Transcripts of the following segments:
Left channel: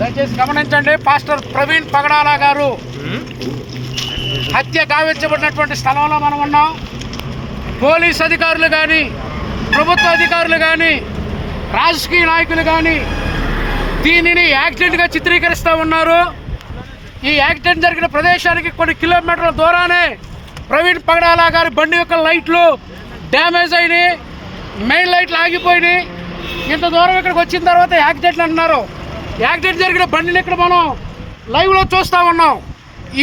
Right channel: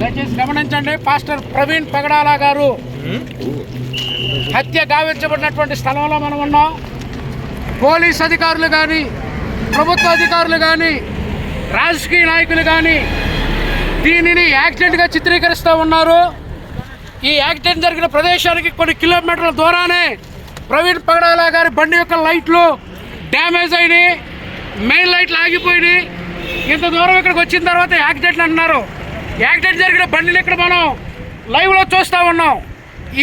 దయచేసి గమనించండి. పాస్టర్ ప్రవీణ్ పగడాల గారు హత్య గావించబడినటువంటి స్థలంలో మనం ఉన్నాం. పోలీస్ అధికారులు కానీ, ప్రభుత్వ అధికారులు కానీ, రాజకీయ నాయకులు కానీ దీనిని యాక్సిడెంట్గా చిత్రీకరిస్తూ ఉన్నారు. ఈ యాక్సిడెంట్ జరిగిన ప్రదేశానికి కొన్ని కిలోమీటర్ల దూరానే ప్రవీణ్ పగడాల గారి బండి యొక్క లైట్లు డ్యామేజ్ అయినాయి, మెయిన్ లైట్లు ఆగిపోయినాయి. ఇంత దూరం ఇక్కడికి వచ్చిన తర్వాత యాక్సిడెంట్లు అంటున్నారు. యాక్సిడెంట్ జరిగిన బండిని ఇక్కడ మనం లైవ్లో చూస్తూ ఉన్నాం.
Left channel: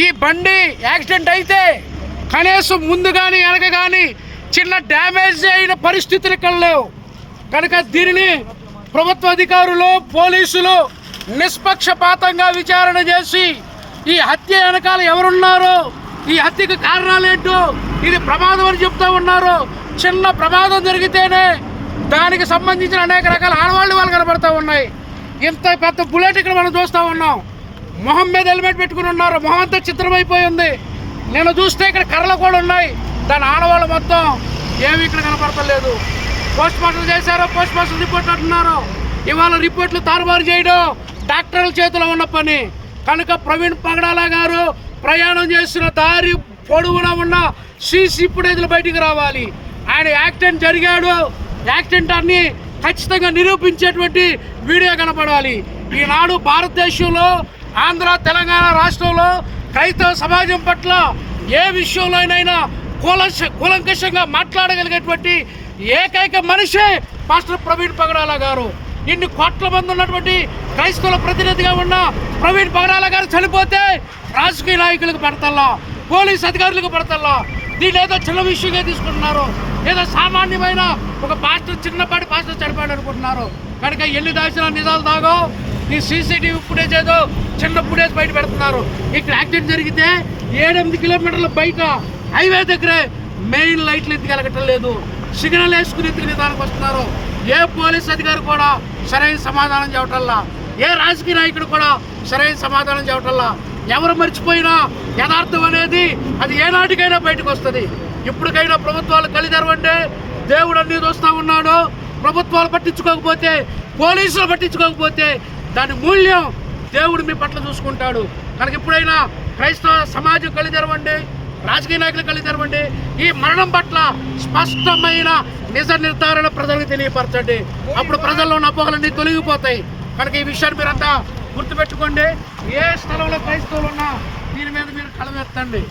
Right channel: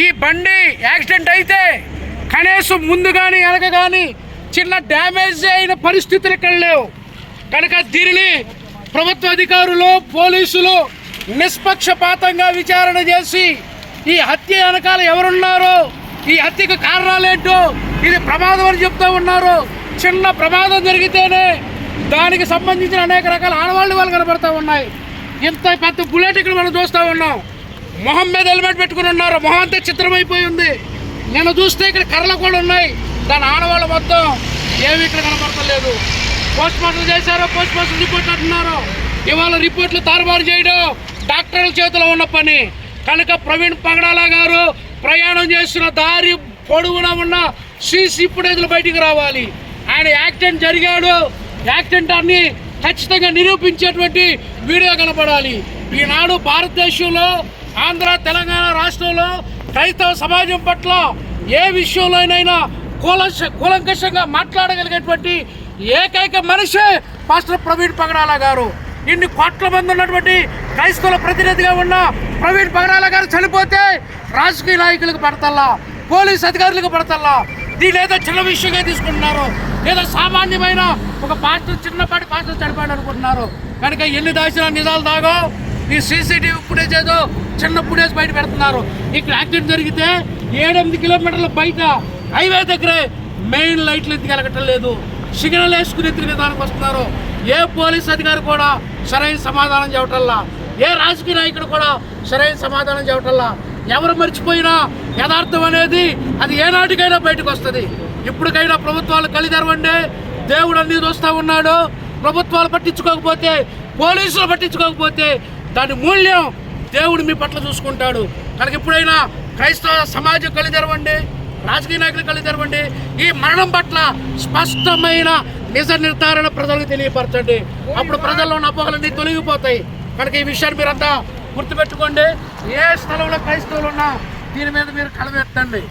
ఈ బండి యాక్సిడెంట్ అయితే కనీసం ముందు కానీ వెనక కానీ చిన్న డ్యామేజ్ అయిన పరిస్థితులు ఇక్కడ లేవు. కనుక దీనిని ప్రభుత్వ అధికారులు, పోలీసులు నిష్పక్షపాతంగా విచారణ చేసి ఈ హత్య వెనకాల ఎవరున్నారో, ఈ హత్యకు కారణాలేంటో, ఇది ప్రమాదం అని చెప్తూ ఉన్నారు. చిన్న ప్రమాదం జరిగితేనే దానికి సంబంధించిన అనేక రకాల ఆడవాళ్ళు కనబడుతూ ఉన్నాయి. ఇంత పెద్ద బుల్లెట్ ఇక్కడ మనం చూస్తూ ఉన్నాం. మొహం మీద హెల్మెట్ పెట్టుకుని ఉన్నారు. మొహం అంతా చిత్రమైపోయి ఉంది. నేను చూస్తే ఇక్కడ కర్రలు కూడా ఉన్నాయి. దాని ఆడవాళ్ళు మొత్తం ఏమి ఇక్కడ కనపడతలేదు. పోస్ట్ మార్టం చేశారో, పోస్ట్ మార్టం రిపోర్ట్ అంటున్నారు. ఇవాళ రిపోర్ట్లు తారుమారు చేయడం డాక్టర్ల చేతిలో ఉన్న పని. కనుక ప్రవీణ్ పగడాల గారు ప్రయాణం చేస్తున్న దారి పొడవునా ఉన్న సీసీ ఫుటేజ్లు బయటికి రావాలి. ఆయన యాక్సిడెంట్ జరిగాడు, యాక్సిడెంట్ అన్ని ఖచ్చితంగా నిరూపించేటువంటి వీడియో కనపడాలి. ఈనాడు భారతదేశంలో, ఆంధ్ర, తెలంగాణ రాష్ట్రంలో క్రైస్తవ సమాజం పట్ల ఏ విషయంలోనైనా కూలంకషంగా మాట్లాడగలిగేటువంటి ఏకైక మనిషే పాస్టర్ ప్రవీణ్ పగడాల గారు. ఇన్ని కోట్ల మంది ఉన్నటువంటి క్రైస్తవుల ప్రతినిధిగా ఉన్న ప్రవీణ్ పగడాల గారు చనిపోతే రాజకీయ నాయకులకు పడతల్లా, పోలీస్ అధికారులకు పడతల్లా. దీనేదో చిన్న విషయంగా తీసుకుంటున్నారు. ఏదో సామాన్యమైన ఒక పాస్టర్, చిన్నపాటి పాస్టర్ చనిపోయాడు అనుకుంటున్నారు. కనుక ఎన్ని దాచిన నిజాలు దాగో ఈ సీసీటీవీ ఫుటేజ్ ఏదో చిన్న ఫుటేజ్ బయట పెడుతున్నారు. ఇక్కడ యాక్సిడెంట్ జరిగితే 7-8 కిలోమీటర్ల బయట హైవే దగ్గరే మెయిన్ లైట్లు ఎత్తుకెళ్ళగటం లేదు. సిగ్నల్ వేసుకుని ఎత్తుకునే దానికి వస్తున్నారు. ఏ పోలీస్ అధికారి కూడా సరైన సమాధానం చెప్పటల్లా, ఏ రాజకీయ నాయకుడు కూడా సరైన సమాధానం చెప్పటల్లా. ఎవరు మర్చిపోయినా యథార్థం అనేది అది ఏనాటికైనా బయటకు వస్తుంది. ఇప్పటికైనా ప్రభుత్వాలు కళ్ళు తెరవండి. దేవుడు అన్ని చూస్తూ ఉన్నాడు. ప్రభుత్వాలు పట్టించుకోకపోతే, పోలీసులు పట్టించుకోకపోతే దాని మూల్యం దేవుడు మీ పట్ల చూసుకుంటాడు. కనుక ఎప్పుడైనా క్రైస్తవ సమాజం కళ్ళు తెరవండి, రాజకీయ నాయకులు కళ్ళు తెరవండి. ఈ మరణం పట్ల స్పష్టమైన నిజ నిర్ధారణ ప్రజలకు తెలియపరచండి. అప్పుడు ప్రజల్లో ఉన్న అపోహలన్నీ తొలగిపోతాయి. కనుక ఈ విషయాన్ని మీరంతా గుర్తుపెట్టుకోండి. ఏ స్థలంలో క్రైస్తవులు ఉన్నా దీని మీద మీరు కళ ఎత్తండి.